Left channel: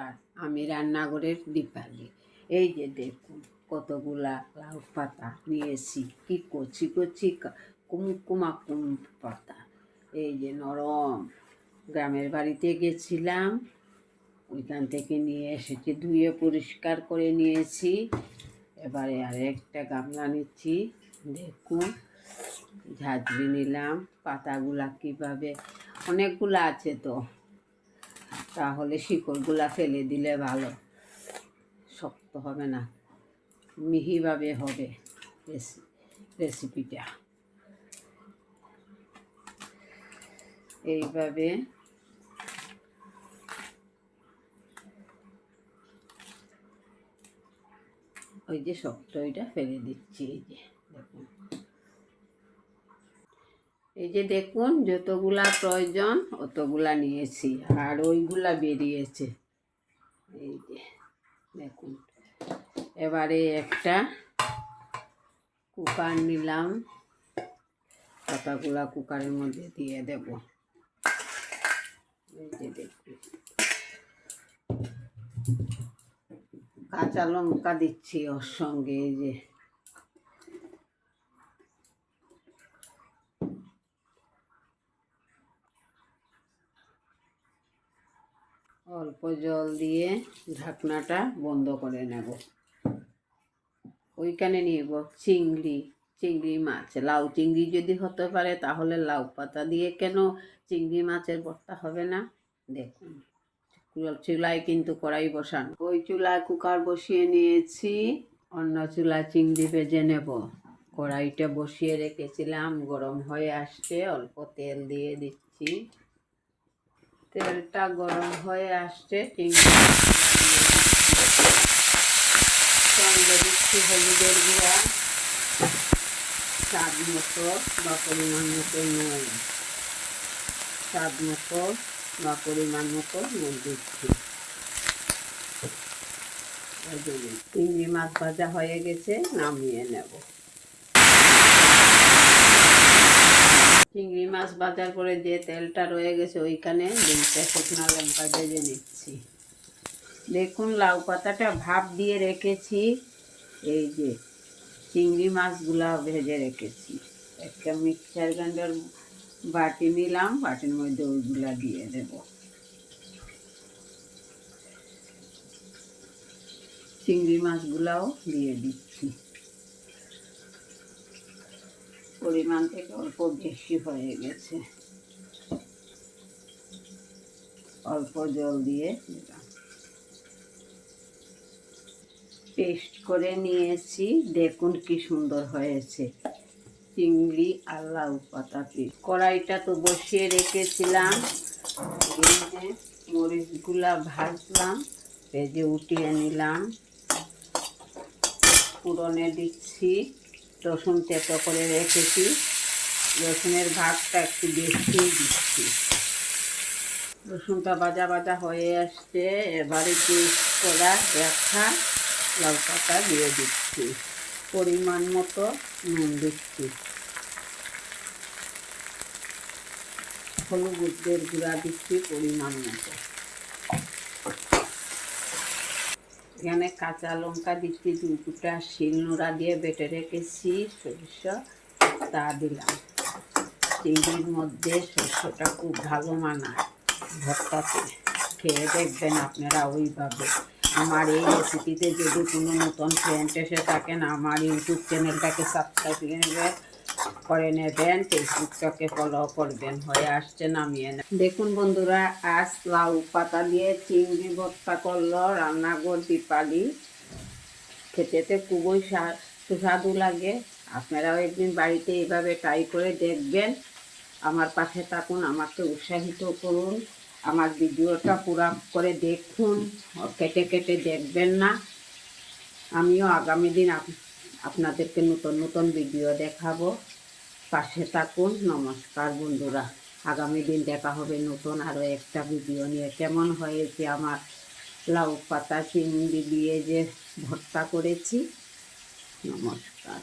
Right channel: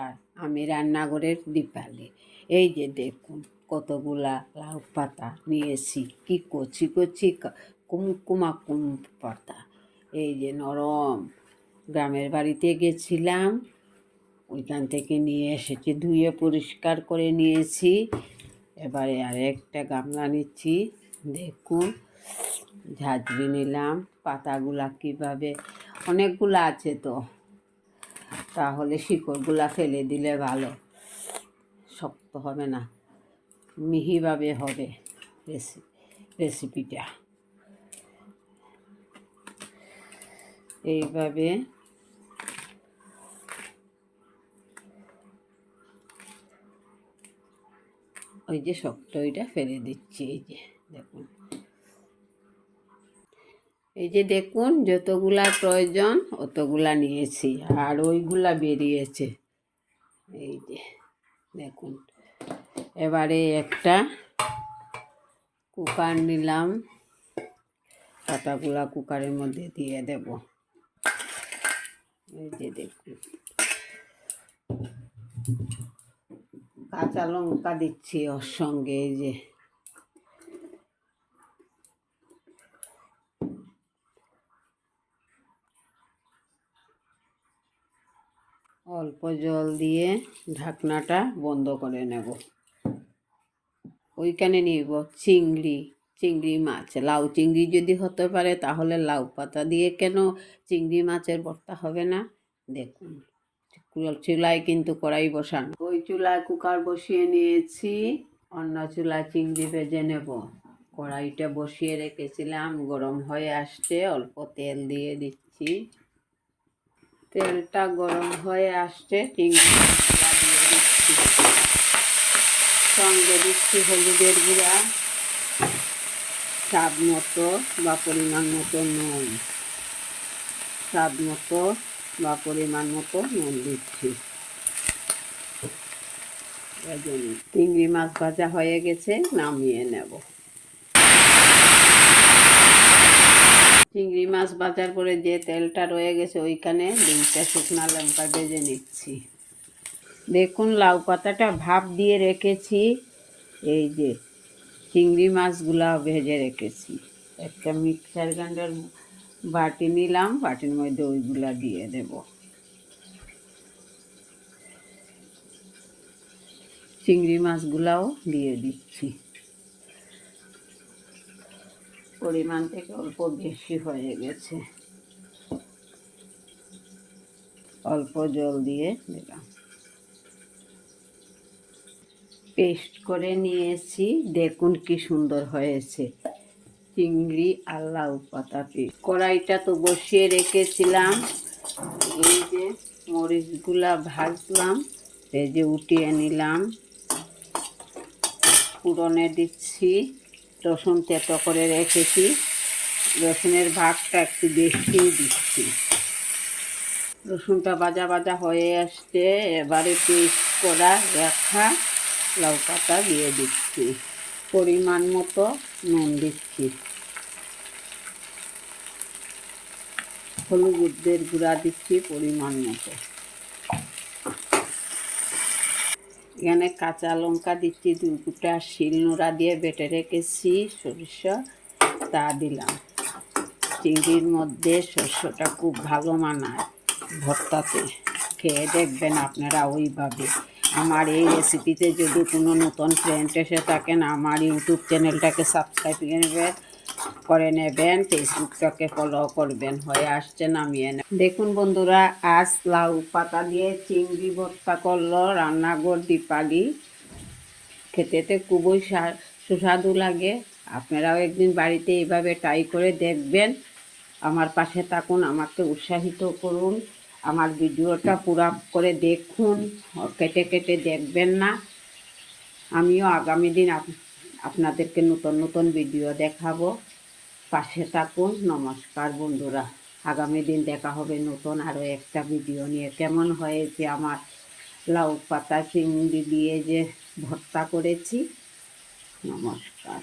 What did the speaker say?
নমস্কার আমি রান্নাঘরের দীপালি এই যে দেখুন, কতগুলা লাউ পাতা নিয়েছি। কি কচি কচি কুমকুমা কুম পাতা। এই যে নরম। গ্রামের বাড়িতে গেছিলাম। ওইখান থেকে নিয়ে এসেছি, ধুয়ে পরিষ্কার করে নিয়েছি। এবারে আর একটা গামলা নিচ্ছি। দেখুন, ঝাঁঝরি নিলাম। পাতাগুলা কীভাবে, অনেকগুলো আছে তো। তাহলে শিকড়গুলা ফেলে দিলে ভালো। শক্ত হবে না। মিহিভাবে হবে রেসি রেসিপিটা এইভাবে ওই যে শক্ত ওইটা ফেলে দিচ্ছি, এই যে দেখুন। এই যে দেখুন, যতগুলা প্রয়োজন অতগুলা নিয়েছি, আর ওইগুলা বেরিয়েছে। এই যে দেখুন, এবারে একটা কুকার নিলাম। পাতাগুলা কুকারের মধ্যে দিয়ে দেব? এই যে দেখুন, কাঁচা লঙ্কা দিচ্ছি ওর সঙ্গে, এই যে অল্প জল দিয়ে ঢাকনাটা বন্ধ করে নেব। ওইখানে নিব চিংড়ি চিংড়ি মাছ। লাউ চিংড়ি যদি হতে পারে তাহলে লাউ পাতা দিয়ে কেন চিংড়ি মাছের ভর্তা হবে না? দেখুন চুলায় কিন্তু কড়াই বসানো। ওই চুলায় কুকার বসিয়ে নিয়েছি, অন্য চুলায় চিংড়ি ভেজে নেব। কড়াইটা বসিয়ে রেখেছিলাম, গরম হয়ে আসছে, অল্প তেল দিয়ে দিচ্ছি। তেলটা গরম হয়ে আসছে সঙ্গে দিচ্ছি হলুদের গুঁড়া। স্বাদ মতো বা পরিমাণ মতো নুন। স্বাদ মতো বা পরিমাণ মতো নুন দিচ্ছি। চিংড়ি মাছ ভাজা হয়ে গেছে, নামিয়ে নেব। চিংড়ি মাছ বাজার করে যে তেলটা রয়ে গেছে, ওইখানে দুইটা শুকনো লঙ্কা ভেজে নিচ্ছি। দেখুন, লাউ পাতাটা ভাপ দিয়ে রেখেছি, এই যে চিংড়ি মাছগুলা ভেজে রেখেছি। একটা মিক্সার গ্রাইন্ডার বাটি নিলাম, বাটির মধ্যে ওইগুলা দিয়ে দেব। চিংড়ি মাছগুলাও দিয়ে দিচ্ছি। পরিমাণ থেকে অল্প বেশি হয়ে গেছে। অল্প জল দিয়ে দিলাম। পেস্ট করে নিয়েছি। দেখুন কি সুন্দর হয়েছে। চিংড়ি আর লাউ পাতা পেস্ট। কড়াইটা তো বসিয়ে রেখেছিলাম। এই যে মরিচগুলা ভাজলাম এই যে উঠিয়ে নিলাম। পুরনে দিচ্ছি। রসুন তেতো করে রেখেছি। রসুনের ভাগটা একটু বেশি দিচ্ছি। রসুনটা বাজা বাজা হয়ে আসছে, এবারে পেস্ট করা দেখা পাতা দিয়ে দিচ্ছি। পরিমাণ মতো নুন দিচ্ছি। হলুদের গুঁড়া দিচ্ছি পরিমাণ মতো। এখানে কাঁচা লঙ্কা দিচ্ছি, দুই দুটা শিল নোড়া দিয়ে বেটে রেখেছি, সরিষা তা দিলাম। চিংড়ির মধ্যে শস্যটা খুব ভালো মানায়, ভর্তাতে। খেয়ে দেখবেন আপনারা ওইভাবে। আমার এই রেসিপিতে যদি কোনো নতুন ফ্রেন্ড এসে থাকেন, আমার ইউটিউব চ্যানেলটাকে সাবস্ক্রাইব করে নেবেন। করে নেবেন ফেসবুকটাকে ফলো করবেন, হয়ে আসছে নামিয়ে নেবেন। দেখুন বন্ধুরা, আজ লাউ পাতা দিয়ে চিংড়ি ভর্তা করল রান্নাঘর দীপালি। খেতেতে খুবই সুস্বাদু লাগে। আপনারাও একদিন বাড়িতে এইভাবে ট্রাই করে দেখবেন। আমার পাশে থাকুন, আমাকে উৎসাহিত করুন। আমার ভিডিওটা পুরা করে দেখুন। কেটে কেটে দেখবেন না। আমিও আগামী দিন আপনাদেরকে নতুন নতুন ভিডিও দেখাবো। পাশে থাকুন, নমস্কার বন্ধুরা। আগামী দিন দেখা হবে নতুন আরও একটা ভিডিও নিয়ে। কেমন হয়েছে আমার লাউ পাতা চিংড়ি দিয়ে যে ভর্তা করেছি? নমস্কার।